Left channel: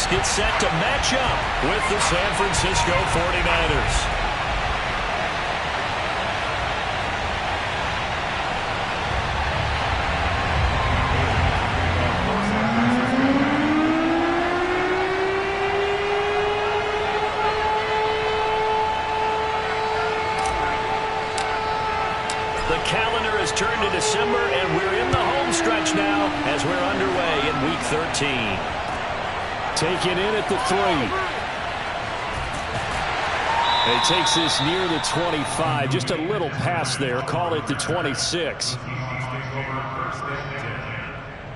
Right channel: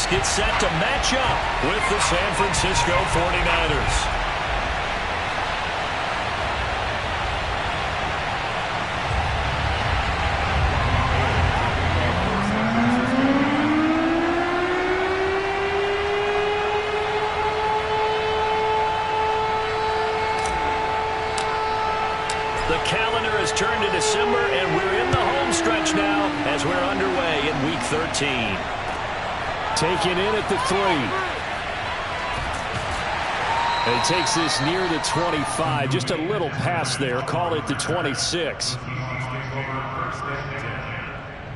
Seahawks get set to match up with the San Francisco 49ers. The calendar has turned to December, and we're in the home stretch now as we're underway in Week 13. Taken in at the 3. And he takes this near the 25. Just a little pass there. Call it the 26.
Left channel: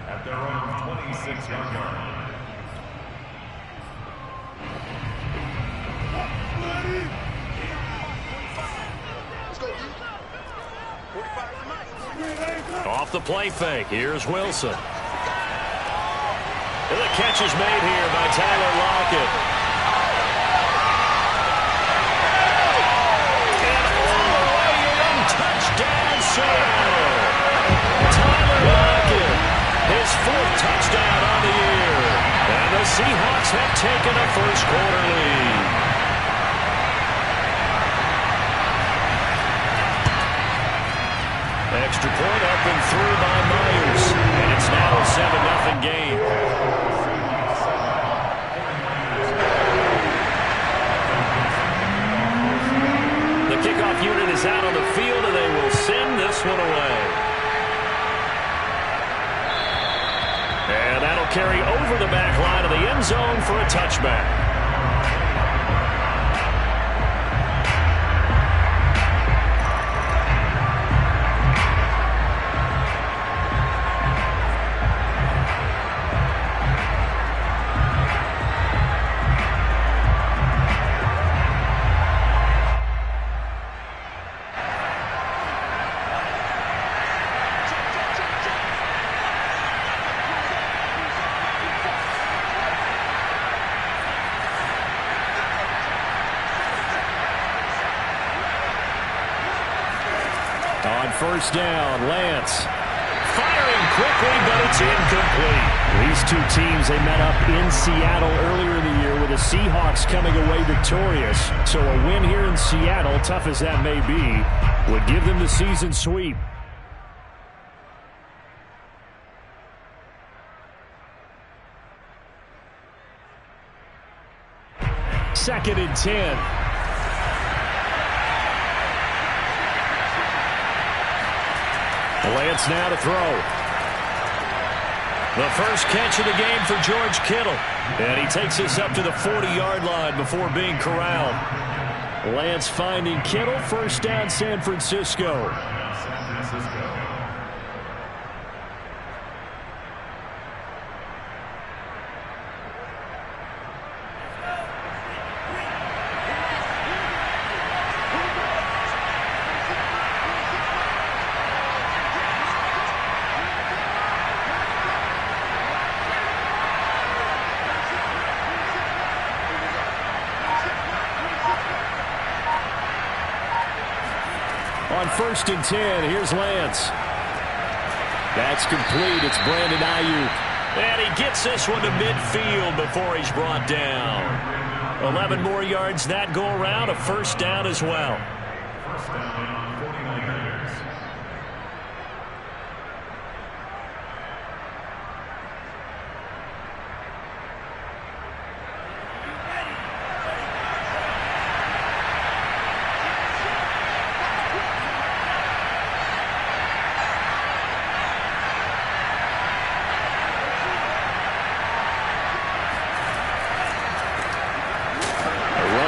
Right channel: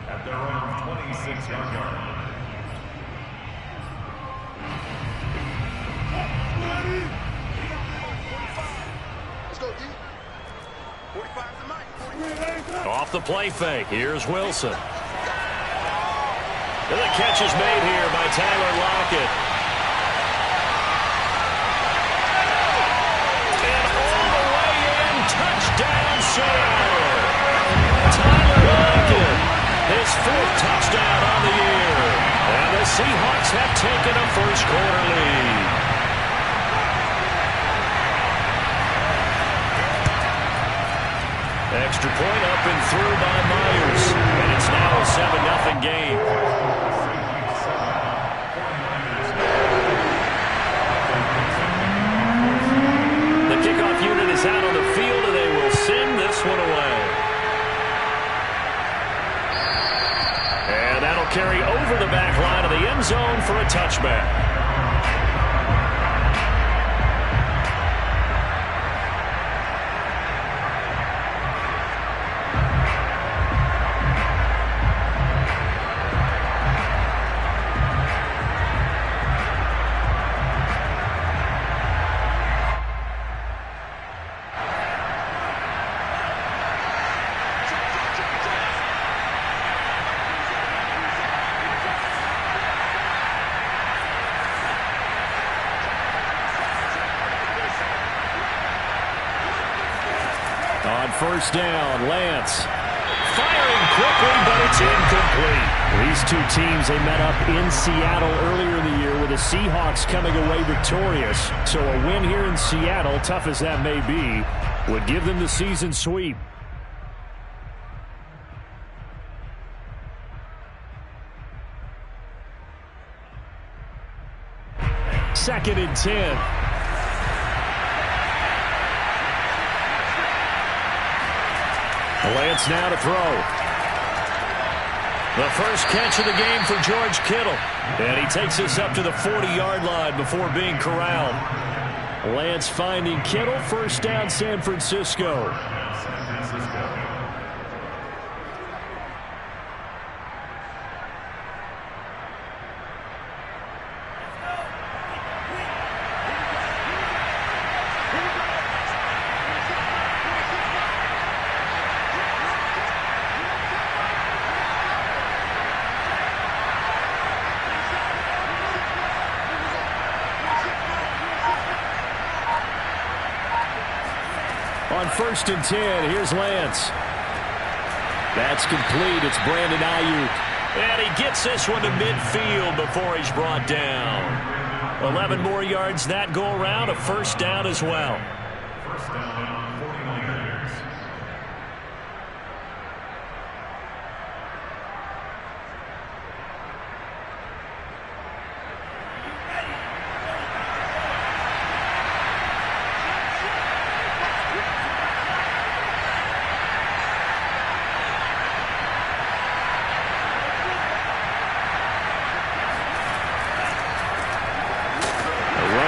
At their own 26-yard line. Off the play fake, here's Wilson. And the catch is made here by Tyler Lockett. And all the way in, touchdown Seattle. Tyler Lockett, his 4th touchdown on the year. And the Seahawks have taken a first-quarter lead. Extra point up and through by Myers. And it's now a 7-0 game. The kickoff unit is out on the field, and they will send this one away. And that'll carry over the back line of the end zone for a touchback. On first down, Lance. Firing quickly, but it's incomplete. These two teams, they met up in Seattle earlier in the year with the Seahawks coming away victorious. So a win here in Seattle, tough as that may be, would give them the season sweep. Second and 10. Lance now to throw. The first catch of the game for George Kittle. And he takes us up to the 40-yard line before being corralled. Lance finding Kittle. First down, San Francisco. On first and 10, here's Lance. That's complete. It's Brandon Ayuk. And he gets this one to midfield before he's brought down. 11 more yards that go around, a first down as well. First down, 49ers.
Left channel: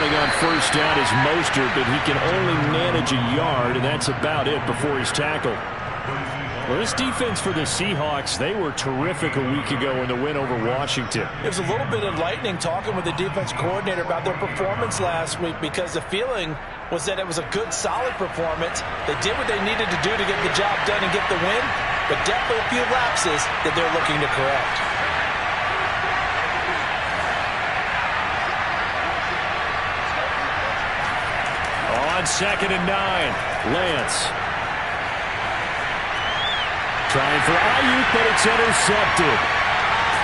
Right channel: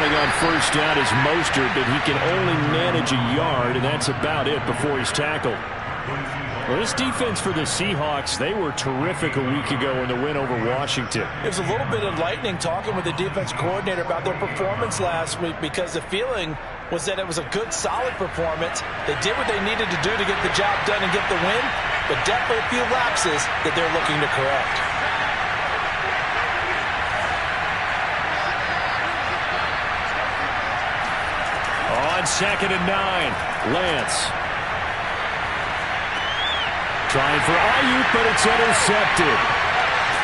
On first down is Mostert, but he can only manage a yard, and that's about it before he's tackled. Well, this defense for the Seahawks, they were terrific a week ago in the win over Washington. It was a little bit enlightening talking with the defense coordinator about their performance last week, because the feeling was that it was a good, solid performance. They did what they needed to do to get the job done and get the win, but definitely a few lapses that they're looking to correct. On second and 9, Lance. Trying for Ayuk, but it's intercepted.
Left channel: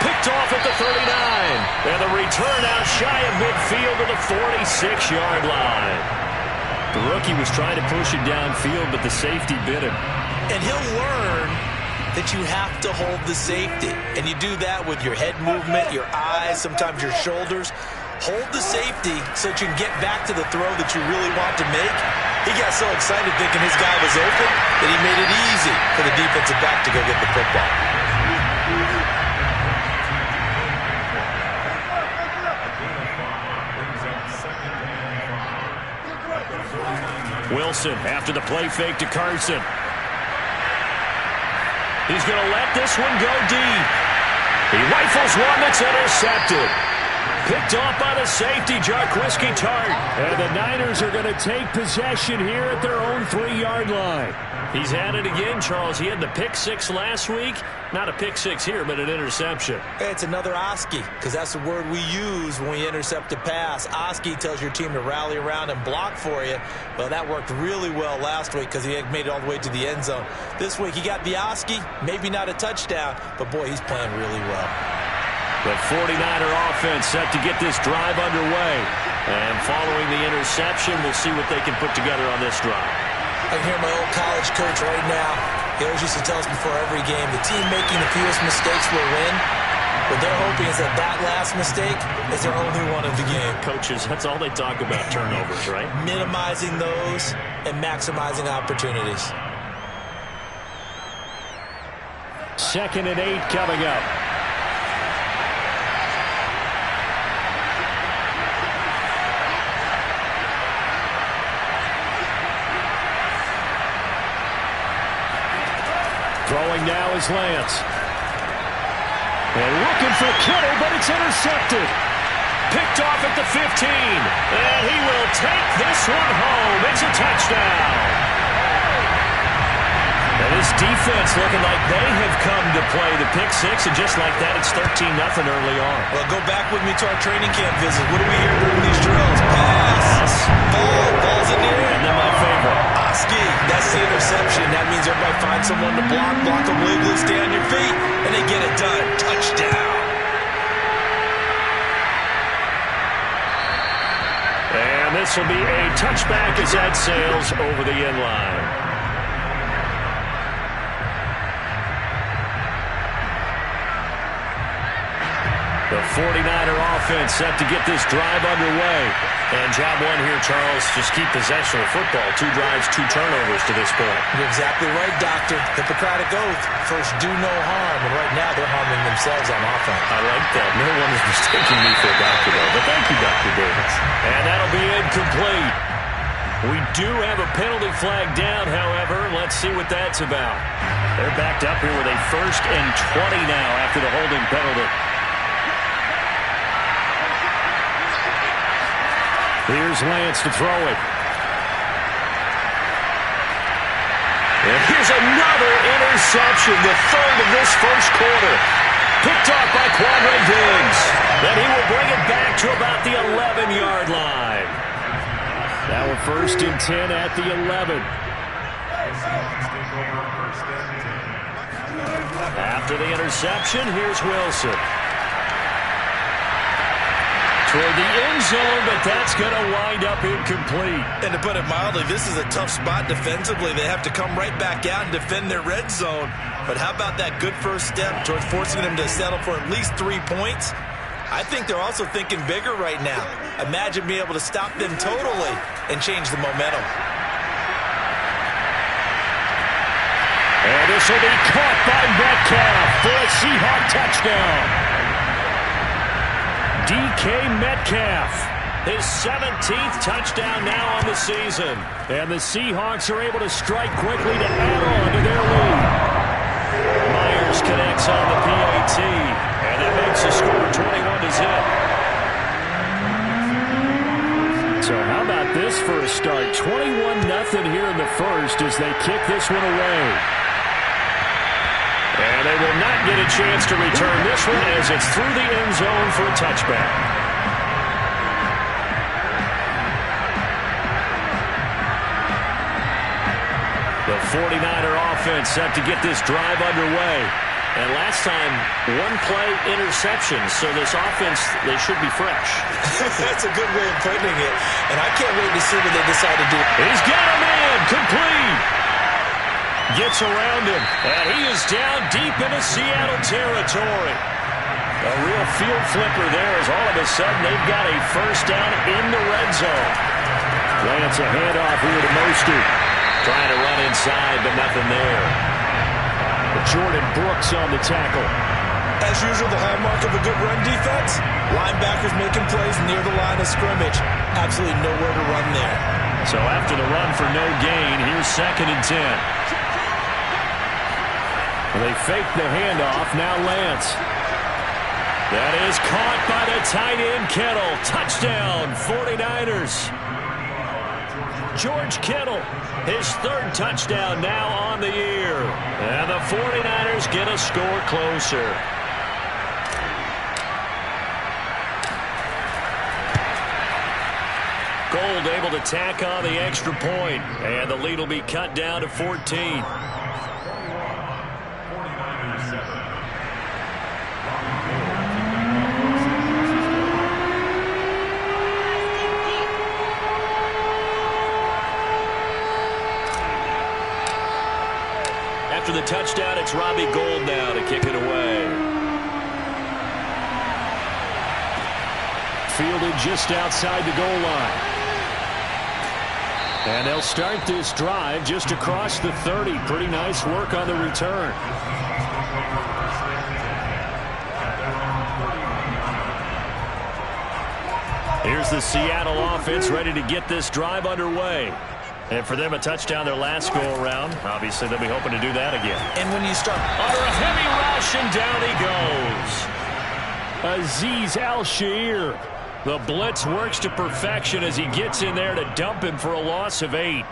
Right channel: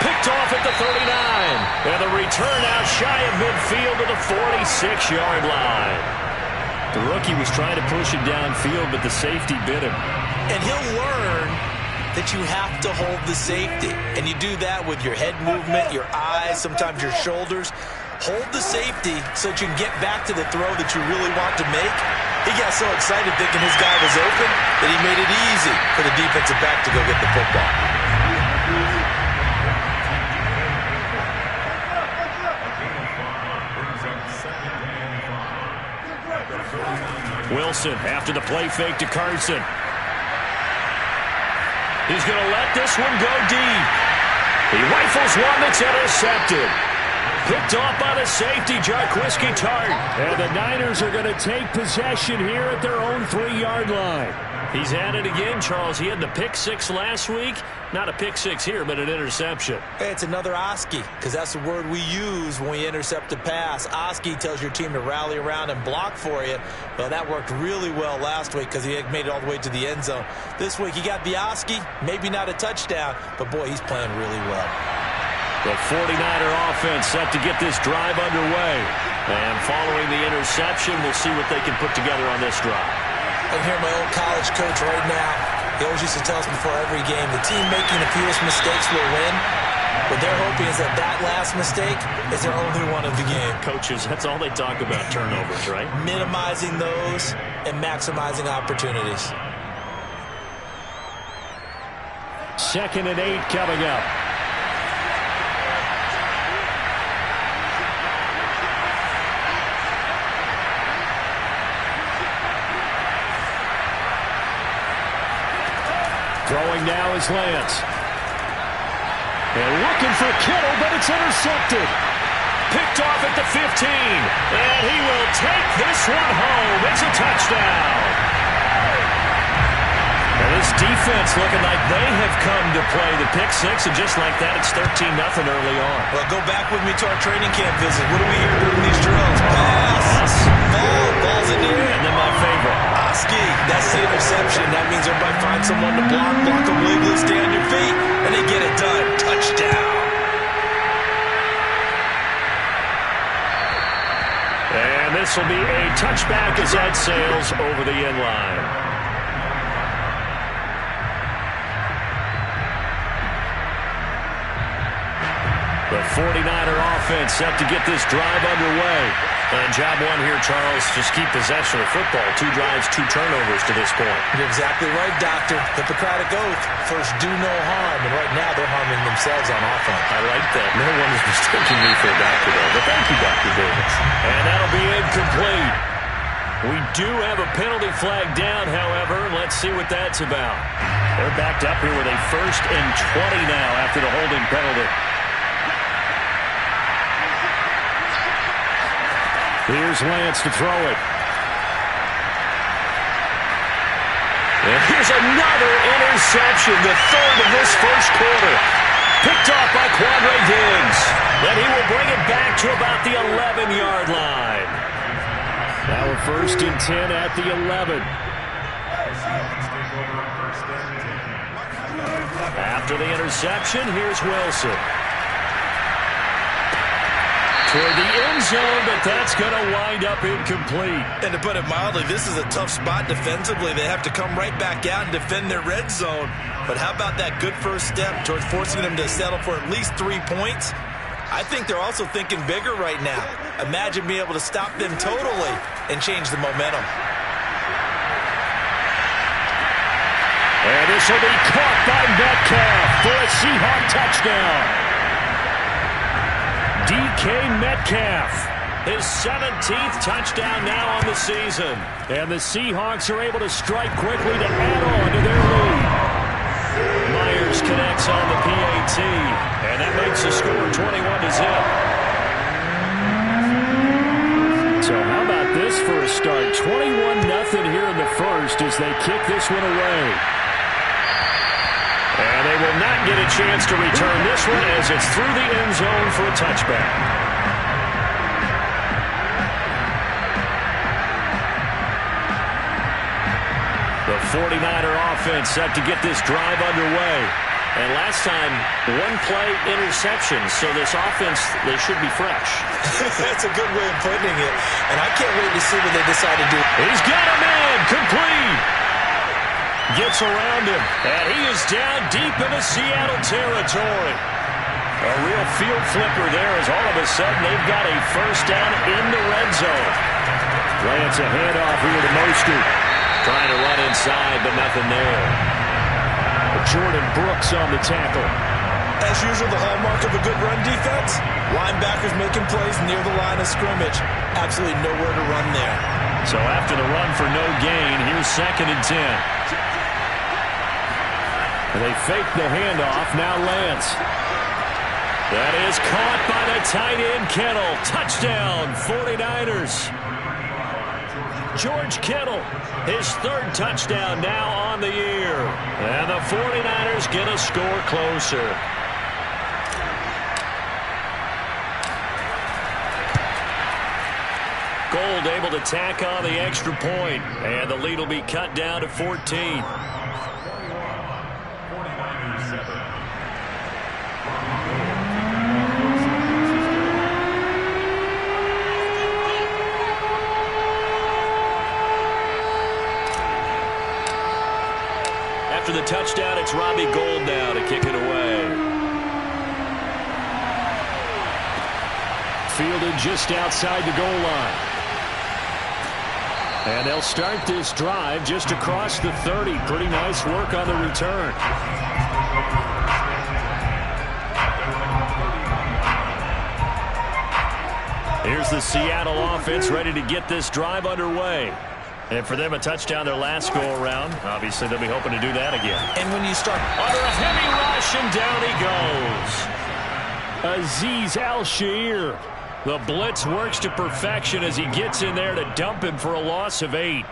Picked off at the 39. And the return out shy of midfield to the 46-yard line. The rookie was trying to push it downfield, but the safety bit him. And he'll learn that you have to hold the safety. And you do that with your head movement, your eyes, sometimes your shoulders. Hold the safety so that you can get back to the throw that you really want to make. He got so excited thinking his guy was open that he made it easy for the defensive back to go get the football. Wilson after the play fake to Carson. He's going to let this one go deep. He rifles one that's intercepted. Picked off by the safety, Jarquiski Tart. And the Niners are going to take possession here at their own 3-yard line. He's at it again, Charles. He had the pick six last week. Not a pick six here, but an interception. Hey, it's another Oski, because that's the word we use when we intercept a pass. Oski tells your team to rally around and block for you. Well, that worked really well last week because he had made it all the way to the end zone. This week, he got the Oski, maybe not a touchdown, but, boy, he's playing really well. The 49er offense set to get this drive underway. And following the interception, we'll see what they can put together on this drive. I can hear my old college coach right now. He always used to tell us before every game, the team making the fewest mistakes will win. What they're hoping is that that last mistake is their only one of the game. Coaches, that's all they talk about, turnovers, right? Minimizing those and maximizing opportunities. 2nd and 8 coming up. Throwing now is Lance. And looking for Kittle, but it's intercepted. Picked off at the 15. And he will take this one home. It's a touchdown. And this defense looking like they have come to play the pick six, and just like that, it's 13-0 early on. Well, go back with me to our training camp visit. What do we hear during these drills? Pass. Ball. Ball's in the air. And then my favorite. Oski. That's the interception. That means everybody finds someone to block them legally, stay on your feet, and they get it done. Touchdown. And this will be a touchback as that sails over the end line. The 49er offense set to get this drive underway. And job one here, Charles, just keep possession of football. 2 drives, 2 turnovers to this point. You're exactly right, Doctor. Hippocratic oath. First, do no harm. And right now, they're harming themselves on offense. I like that. No one is mistaking me for a doctor, though. But thank you, Dr. Davis. And that'll be incomplete. We do have a penalty flag down, however. Let's see what that's about. They're backed up here with a 1st and 20 now after the holding penalty. Here's Lance to throw it. And here's another interception, the 3rd of this first quarter. Picked off by Quandre Diggs. Then he will bring it back to about the 11-yard line. Now a 1st and 10 at the 11. After the interception, here's Wilson. Toward the end zone, but that's going to wind up incomplete. And to put it mildly, this is a tough spot defensively. They have to come right back out and defend their red zone. But how about that good first step towards forcing them to settle for at least 3 points? I think they're also thinking bigger right now. Imagine being able to stop them totally and change the momentum. And this will be caught by Metcalf for a Seahawk touchdown. DK Metcalf, his 17th touchdown now on the season. And the Seahawks are able to strike quickly to add on to their lead. Myers connects on the PAT, and that makes the score 21-0. So how about this for a start? 21-0 here in the first as they kick this one away. And they will not get a chance to return this one as it's through the end zone for a touchback. The 49er offense set to get this drive underway. And last time, one play interception. So this offense, they should be fresh. That's a good way of putting it. And I can't wait to see what they decide to do. He's got a man. Complete. Gets around him. And he is down deep into Seattle territory. A real field flipper there as all of a sudden they've got a first down in the red zone. Lance a handoff here to Mostert. Trying to run inside, but nothing there. Jordan Brooks on the tackle. As usual, the hallmark of a good run defense, linebackers making plays near the line of scrimmage. Absolutely nowhere to run there. So after the run for no gain, here's 2nd and 10. They fake the handoff. Now Lance. That is caught by the tight end Kittle. Touchdown, 49ers. George Kittle, his 3rd touchdown now on the year. And the 49ers get a score closer. Gold able to tack on the extra point. And the lead will be cut down to 14. 49ers 7. After the touchdown, it's Robbie Gould now to kick it away. Fielded just outside the goal line. And they'll start this drive just across the 30. Pretty nice work on the return. Here's the Seattle offense ready to get this drive underway. And for them, a touchdown their last go-around. Obviously, they'll be hoping to do that again. And when you start under a heavy rush, and down he goes. Azeez Al-Shaair. The blitz works to perfection as he gets in there to dump him for a loss of 8.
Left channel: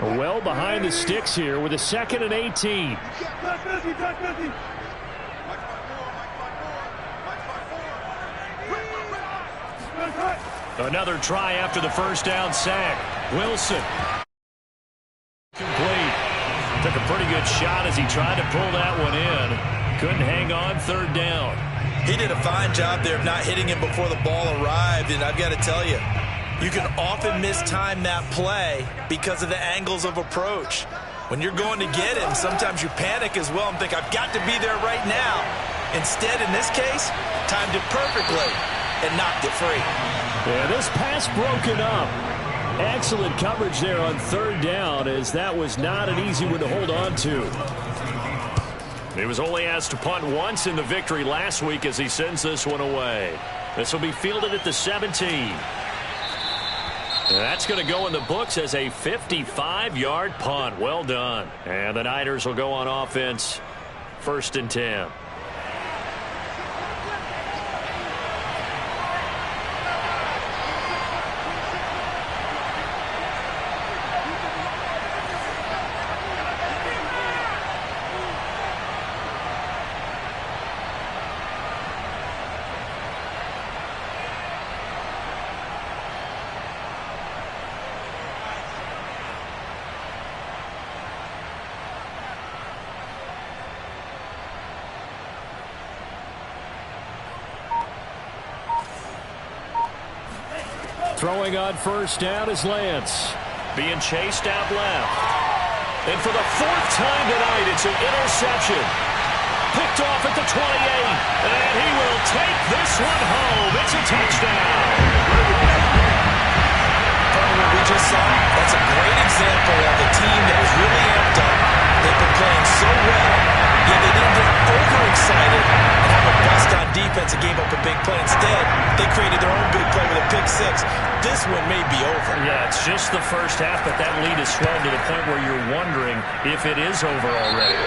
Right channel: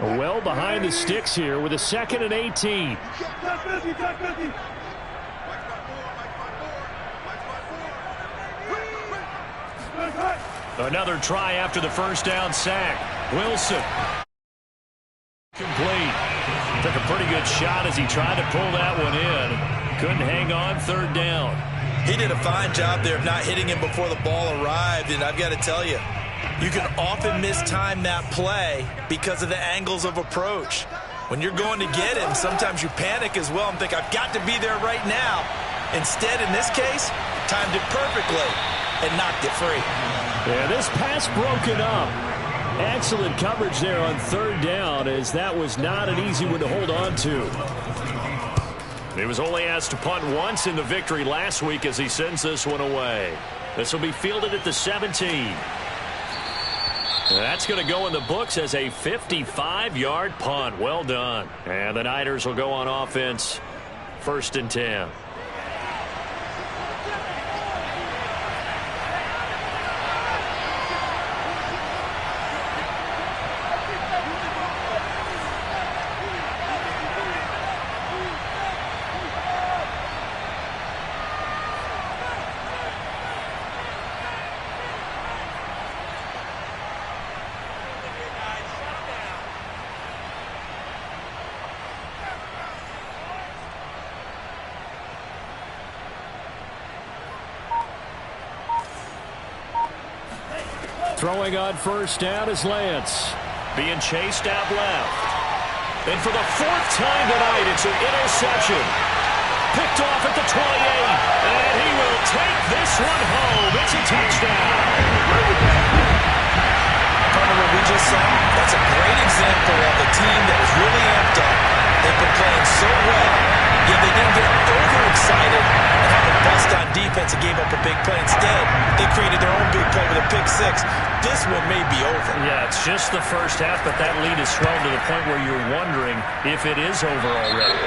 Well behind the sticks here with a 2nd and 18. Another try after the first down sack. Wilson. Complete. Took a pretty good shot as he tried to pull that one in. Couldn't hang on, 3rd down. He did a fine job there of not hitting him before the ball arrived, and I've got to tell you, you can often mistime that play because of the angles of approach. When you're going to get him, sometimes you panic as well and think, I've got to be there right now. Instead, in this case, timed it perfectly and knocked it free. Yeah, this pass broken up. Excellent coverage there on 3rd down, as that was not an easy one to hold on to. He was only asked to punt once in the victory last week as he sends this one away. This will be fielded at the 17. That's going to go in the books as a 55-yard punt. Well done. And the Niners will go on offense, 1st and 10. Throwing on 1st down is Lance. Being chased out left. And for the 4th time tonight, it's an interception. Picked off at the 28. And he will take this one home. It's a touchdown. From what we just saw, that's a great example of a team that was really amped up. They've been playing so well, yet they didn't get overexcited and have a bust on defense and gave up a big play. Instead, they created their own big play with a pick 6. This one may be over. Yeah, it's just the first half, but that lead has swelled to the point where you're wondering if it is over already.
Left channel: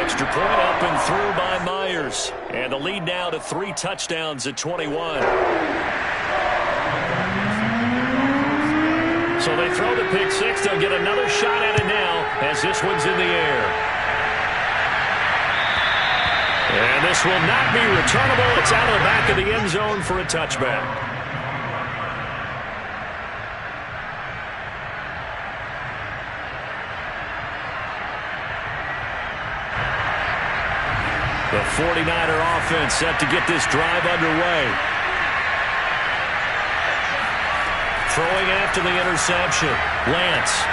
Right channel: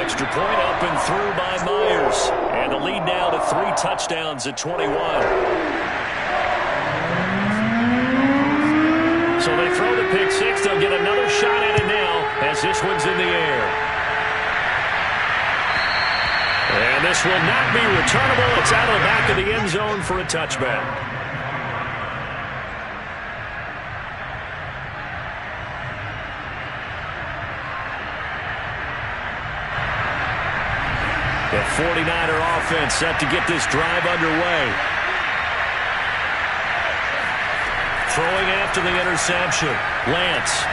Extra point up and through by Myers. And the lead now to 3 touchdowns at 21. So they throw the pick 6. They'll get another shot at it now as this one's in the air. And this will not be returnable. It's out of the back of the end zone for a touchback. The 49er offense set to get this drive underway. Throwing after the interception. Lance.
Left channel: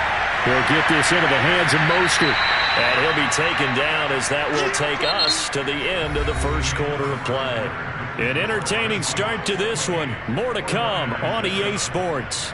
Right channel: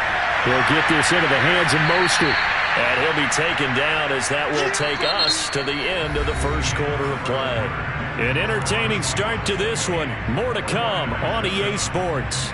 He'll get this into the hands of Mostert. And he'll be taken down as that will take us to the end of the first quarter of play. An entertaining start to this one. More to come on EA Sports.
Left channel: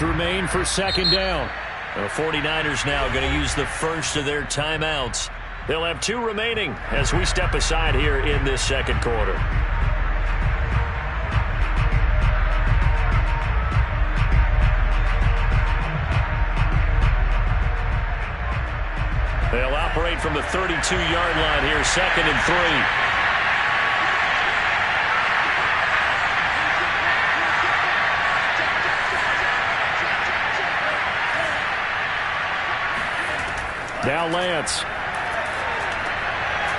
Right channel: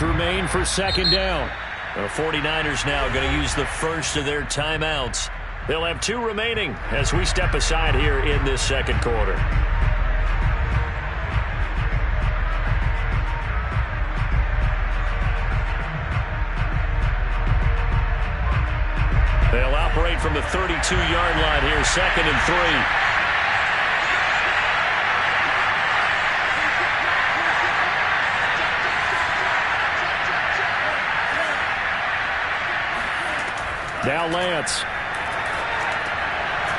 Remain for second down. The 49ers now going to use the first of their timeouts. They'll have 2 remaining as we step aside here in this second quarter. They'll operate from the 32-yard line here, 2nd and 3. Now Lance.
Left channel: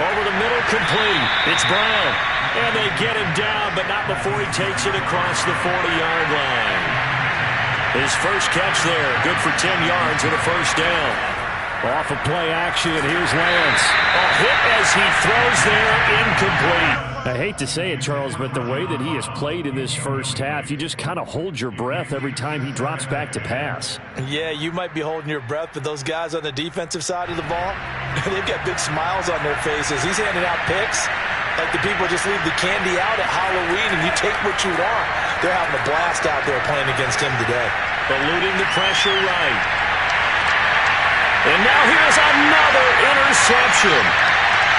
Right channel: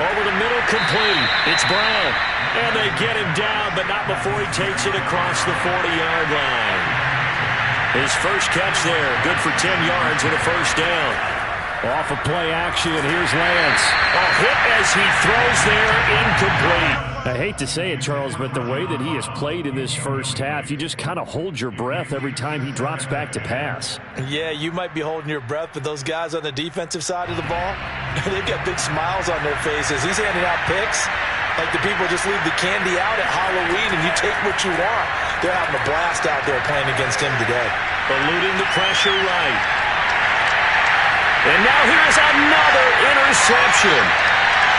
Over the middle, complete. It's Brown. And they get him down, but not before he takes it across the 40-yard line. His first catch there, good for 10 yards and a first down. Off of play action, here's Lance. Hit as he throws there, incomplete. I hate to say it, Charles, but the way that he has played in this first half, you just kind of hold your breath every time he drops back to pass. Yeah, you might be holding your breath, but those guys on the defensive side of the ball, they've got big smiles on their faces. He's handing out picks like the people just leave the candy out at Halloween and you take what you want. They're having a blast out there playing against him today. Eluding the pressure right. And now here's another interception.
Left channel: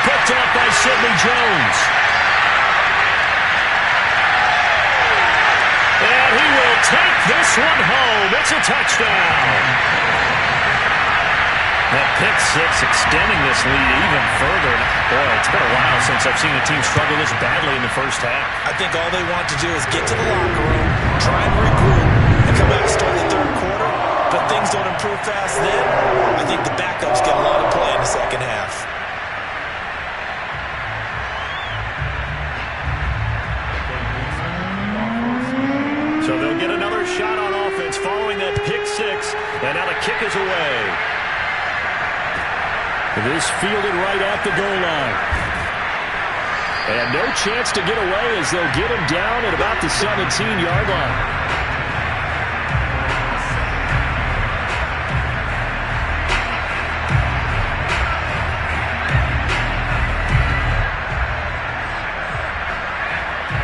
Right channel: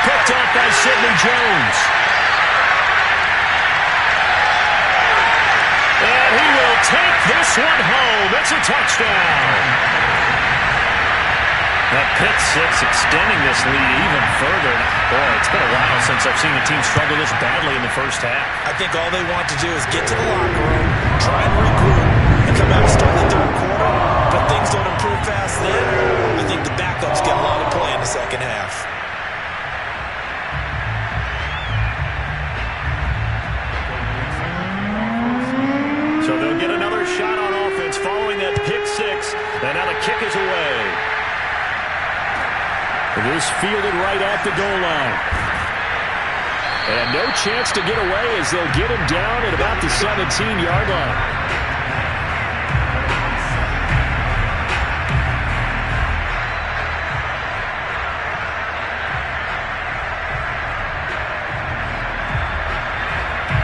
Picked up by Sidney Jones. And he will take this one home. It's a touchdown. That pick six extending this lead even further. Boy, it's been a while since I've seen a team struggle this badly in the first half. I think all they want to do is get to the locker room, try and regroup, and come out and start the third quarter. But things don't improve fast then. I think the backups get a lot of play in the second half. So they'll get another shot on offense following that pick six. And now the kick is away. This fielded right at the goal line. And no chance to get away as they'll get him down at about the 17-yard line.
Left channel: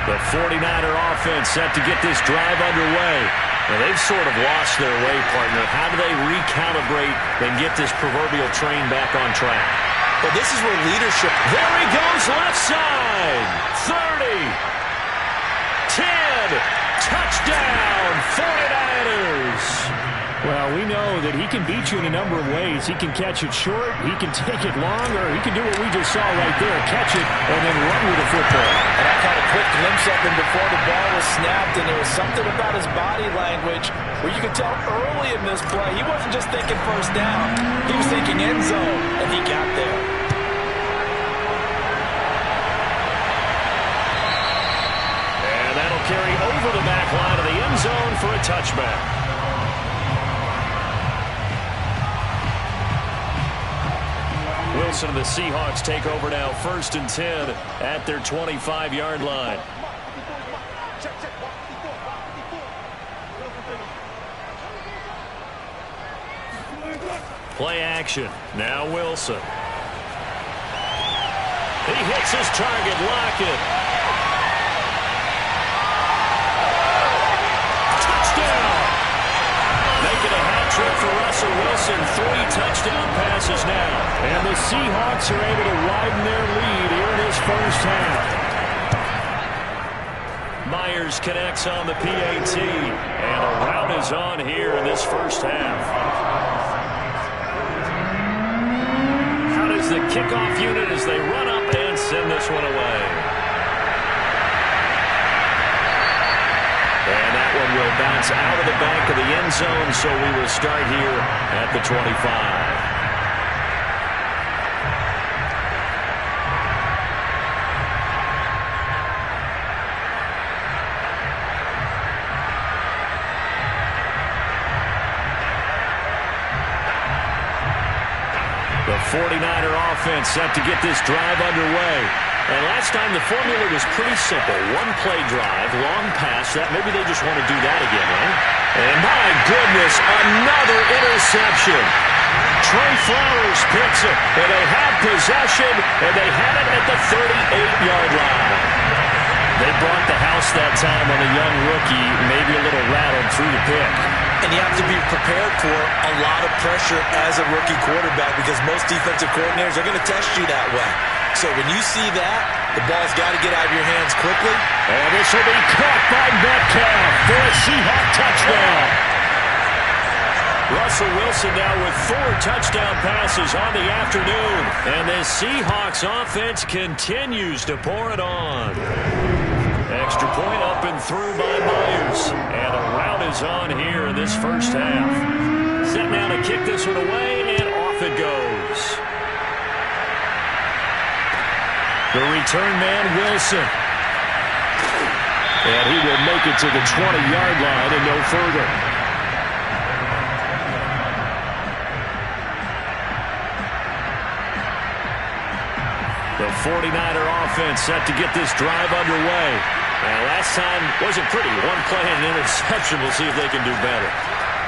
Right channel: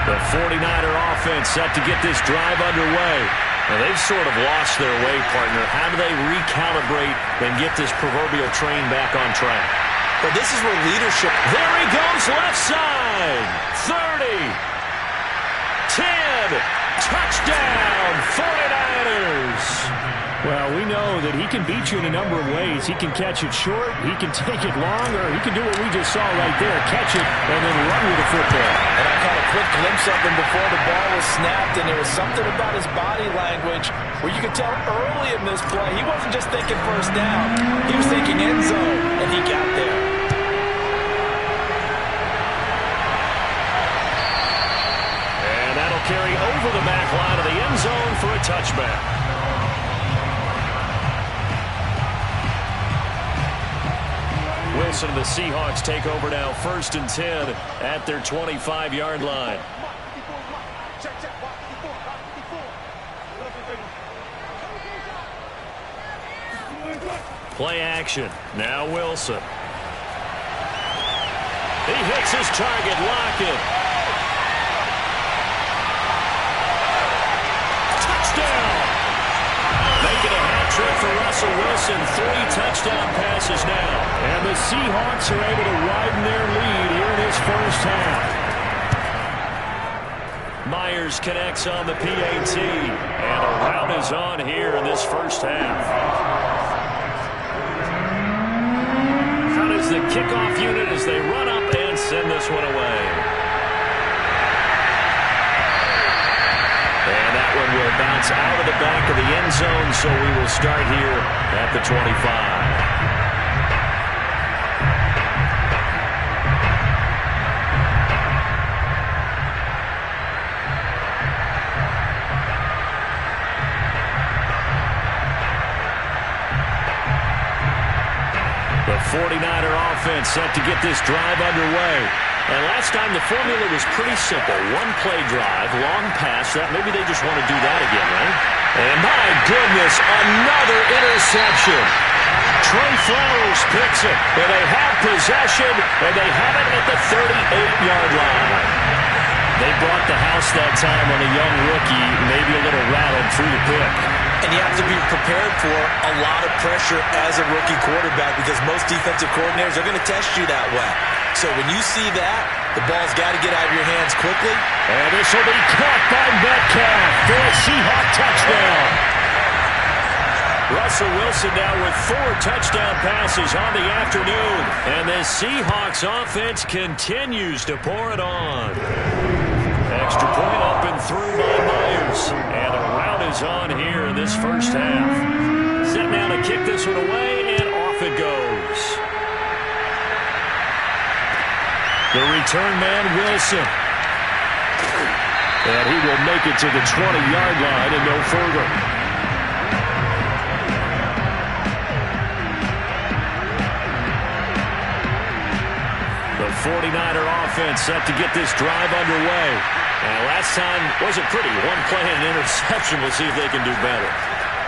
The 49er offense set to get this drive underway. Now they've sort of lost their way, partner. How do they recalibrate and get this proverbial train back on track? Well, this is where leadership... There he goes, left side. 30. 10. Touchdown, 49ers. Well, we know that he can beat you in a number of ways. He can catch it short, he can take it long, or he can do what we just saw right there, catch it and then run with the football. And I caught a quick glimpse of him before the ball was snapped, and there was something about his body language where you could tell early in this play he wasn't just thinking first down. He was thinking end zone, and he got there. And that'll carry over the back line of the end zone for a touchback. Wilson and the Seahawks take over now, 1st and 10 at their 25-yard line. Play action. Now Wilson. He hits his target, Lockett. Touchdown! Making a hat trick for Russell Wilson. 3 touchdown passes now. And the Seahawks are able to widen their lead here in this first half. Myers connects on the PAT. And a rout is on here in this first half. How does is the kickoff unit as they run up and send this one away. And that one will bounce out of the back of the end zone, so we will start here at the 25. The 49er offense set to get this drive underway. And last time the formula was pretty simple. One play drive, long pass. That maybe they just want to do that again, right? And my goodness, another interception. Trey Flowers picks it. And they have possession, and they have it at the 38-yard line. They brought the house that time on the young rookie, maybe a little rattled through the pick. And you have to be prepared for a lot of pressure as a rookie quarterback because most defensive coordinators are going to test you that way. So when you see that, the ball's got to get out of your hands quickly. And this will be caught by Metcalf for a Seahawk touchdown. Russell Wilson now with 4 touchdown passes on the afternoon. And the Seahawks offense continues to pour it on. Extra point up and through by Myers. And the route is on here in this first half. Set now to kick this one away, and off it goes. The return man, Wilson. And he will make it to the 20-yard line and no further. The 49er offense set to get this drive underway. And last time wasn't pretty. One play and an interception. We'll see if they can do better.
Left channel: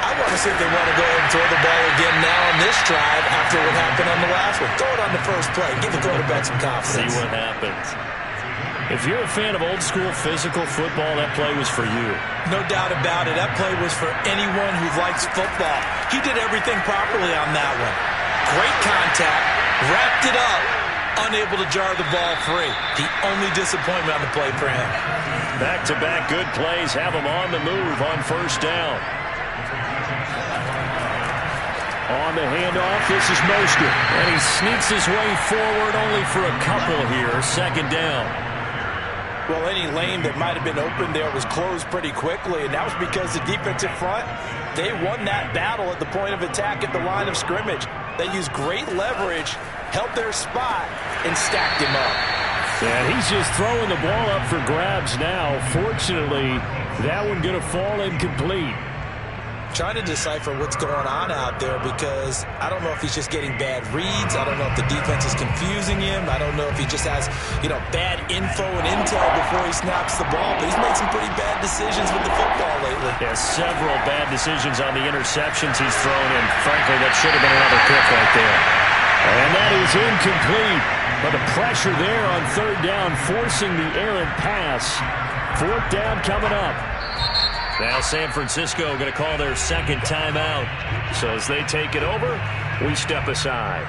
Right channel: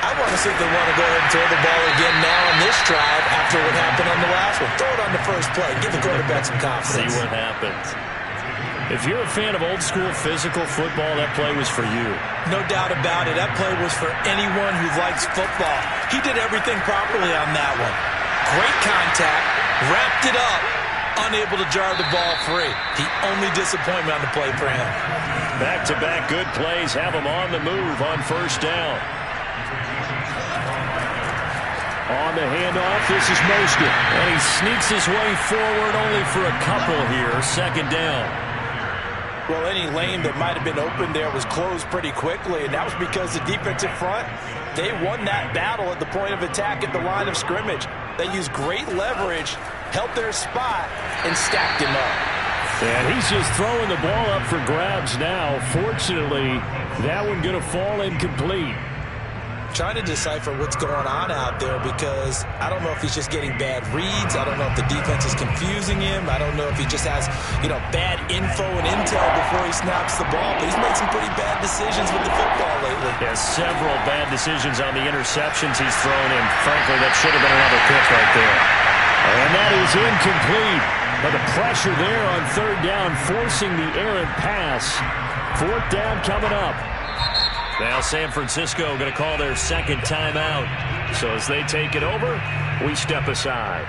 I want to see if they want to go ahead and throw the ball again now on this drive after what happened on the last one. Throw it on the first play. Give the quarterback some confidence. See what happens. If you're a fan of old-school physical football, that play was for you. No doubt about it. That play was for anyone who likes football. He did everything properly on that one. Great contact. Wrapped it up. Unable to jar the ball free. The only disappointment on the play for him. Back-to-back good plays have him on the move on first down. On the handoff, this is Mostert. And he sneaks his way forward only for a couple here. Second down. Well, any lane that might have been open there was closed pretty quickly, and that was because the defensive front, they won that battle at the point of attack at the line of scrimmage. They used great leverage, held their spot, and stacked him up. And he's just throwing the ball up for grabs now. Fortunately, that one going to fall incomplete. Trying to decipher what's going on out there because I don't know if he's just getting bad reads. I don't know if the defense is confusing him. I don't know if he just has, bad info and intel before he snaps the ball. But he's made some pretty bad decisions with the football lately. Yeah, several bad decisions on the interceptions he's thrown in. Frankly, that should have been another pick right there. And that is incomplete. But the pressure there on third down, forcing the errant pass. Fourth down coming up. Now San Francisco going to call their second timeout. So as they take it over, we step aside.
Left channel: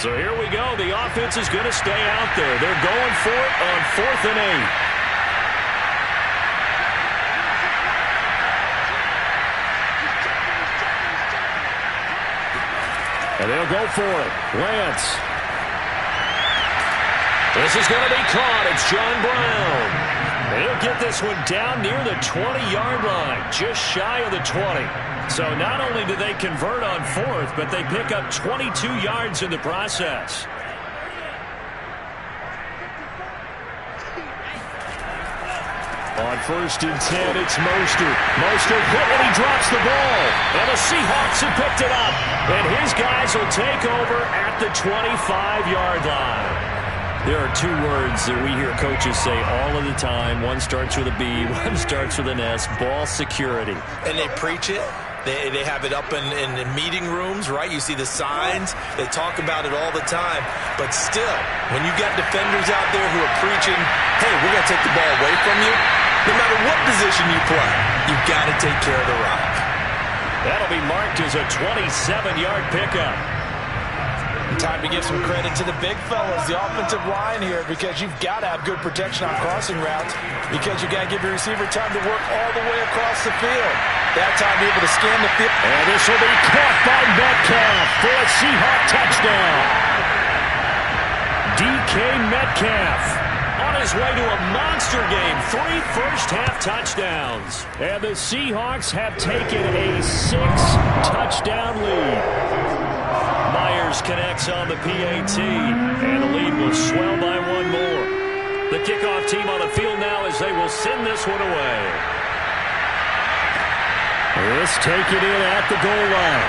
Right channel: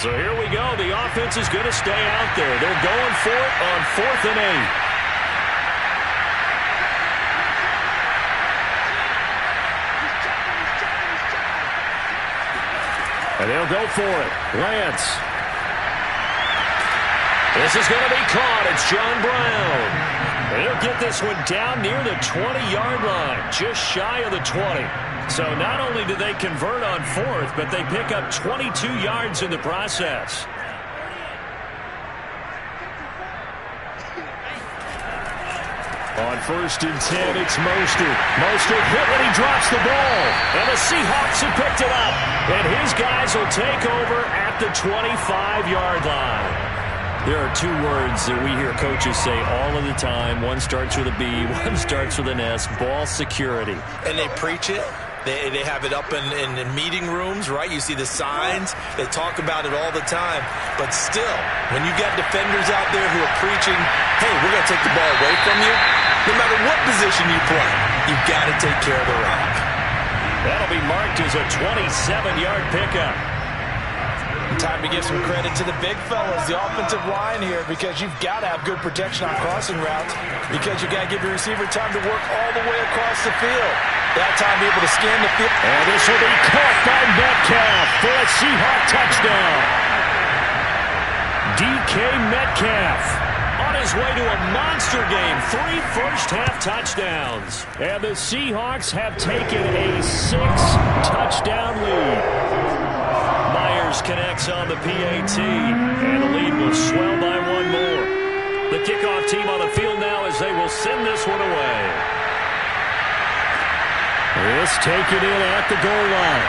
So here we go. The offense is going to stay out there. They're going for it on 4th and 8. And they'll go for it. Lance. This is going to be caught. It's John Brown. And he'll get this one down near the 20-yard line, just shy of the 20. So not only do they convert on 4th, but they pick up 22 yards in the process. On 1st and 10, it's Mostert. Mostert hit and he drops the ball. And the Seahawks have picked it up. And his guys will take over at the 25-yard line. There are 2 words that we hear coaches say all of the time. One starts with a B, one starts with an S. Ball security. And they preach it. They have it up in meeting rooms, right? You see the signs. They talk about it all the time. But still, when you've got defenders out there who are preaching, hey, we're going to take the ball away from you, no matter what position you play, you've got to take care of the rock. That'll be marked as a 27-yard pickup. Time to give some credit to the big fellas, the offensive line here, because you've got to have good protection on crossing routes, because you got to give your receiver time to work all the way across the field. That time, be able to scan the field. And this will be caught by Metcalf for a Seahawk touchdown. DK Metcalf on his way to a monster game. 3 first-half touchdowns. And the Seahawks have taken a 6-touchdown lead. Myers connects on the PAT, and the lead will swell by 1 more. The kickoff team on the field now as they will send this one away. This taken in at the goal line.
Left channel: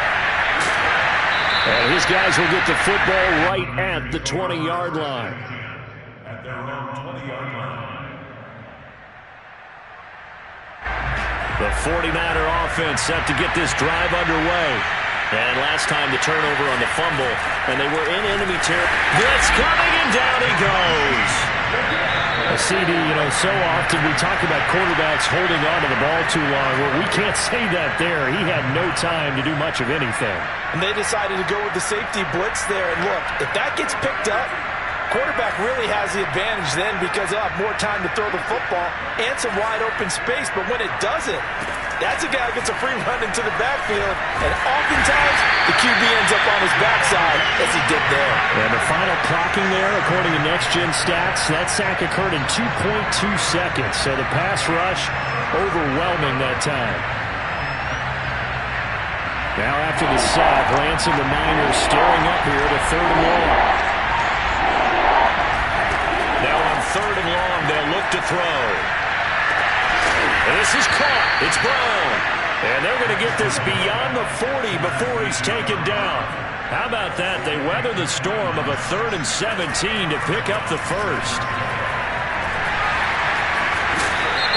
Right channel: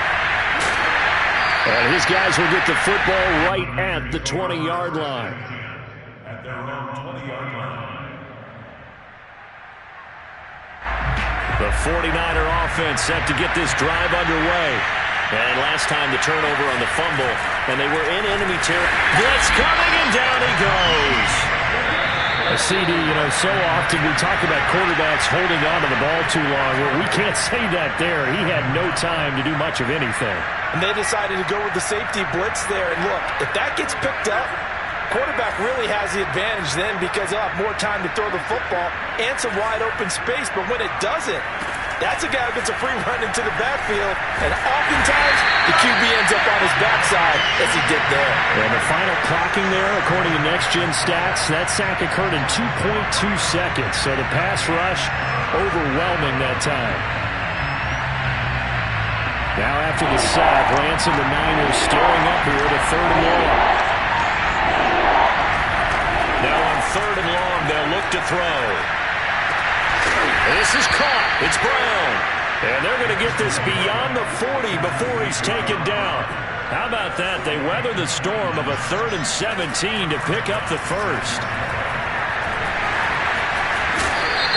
And his guys will get the football right at the 20-yard line. At their own 20-yard line. The 49er offense set to get this drive underway. And last time the turnover on the fumble, and they were in enemy territory. Blitz coming, and down he goes. A CD, so often we talk about quarterbacks holding on to the ball too long. Well, we can't say that there. He had no time to do much of anything. And they decided to go with the safety blitz there. And look, if that gets picked up, quarterback really has the advantage then, because he'll have more time to throw the football and some wide open space. But when it doesn't, that's a guy who gets a free run into the backfield, and oftentimes the QB ends up on his backside, as he did there. And the final clocking there, according to Next Gen Stats, that sack occurred in 2.2 seconds. So the pass rush overwhelming that time. Now after the sack, Lance and the Niners staring up here to 3rd and long. Now on 3rd and long, they'll look to throw. And this is caught. It's Brown. And they're going to get this beyond the 40 before he's taken down. How about that? They weather the storm of a 3rd and 17 to pick up the first.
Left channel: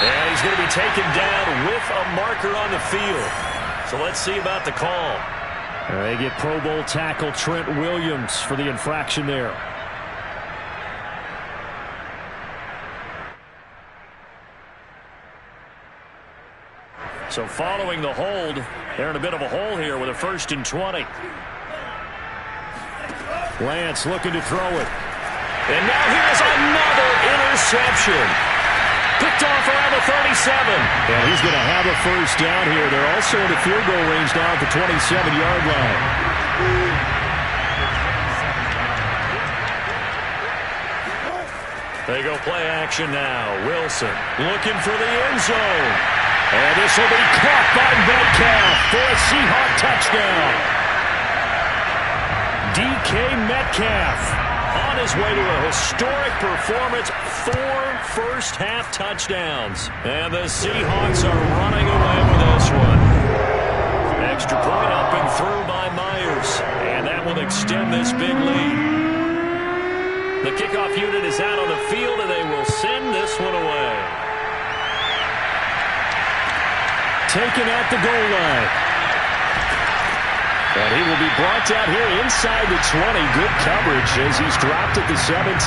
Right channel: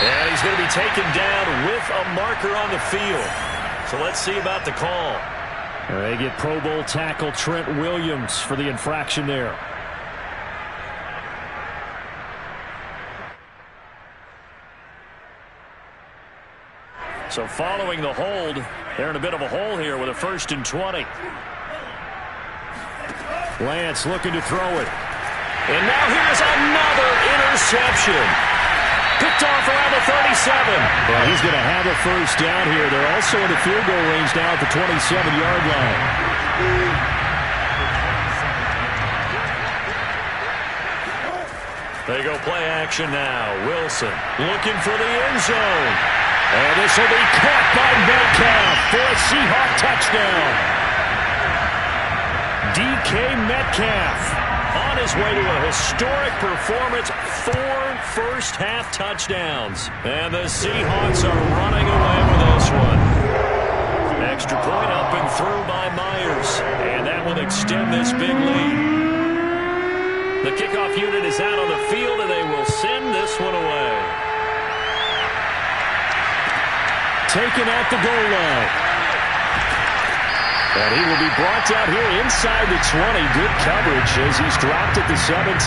And he's going to be taken down with a marker on the field. So let's see about the call. They get Pro Bowl tackle Trent Williams for the infraction there. So following the hold, they're in a bit of a hole here with a 1st and 20. Lance looking to throw it. And now here's another interception. Picked off around the 37. And he's going to have a first down here. They're also in the field goal range now at the 27-yard line. They go play action now. Wilson looking for the end zone. And this will be caught by Metcalf for a Seahawk touchdown. DK Metcalf on his way to a historic performance, 4 first-half touchdowns. And the Seahawks are running away with this one. Extra point up and through by Myers. And that will extend this big lead. The kickoff unit is out on the field, and they will send this one away. Taken at the goal line. And he will be brought down here inside the 20. Good coverage as he's dropped at the 17.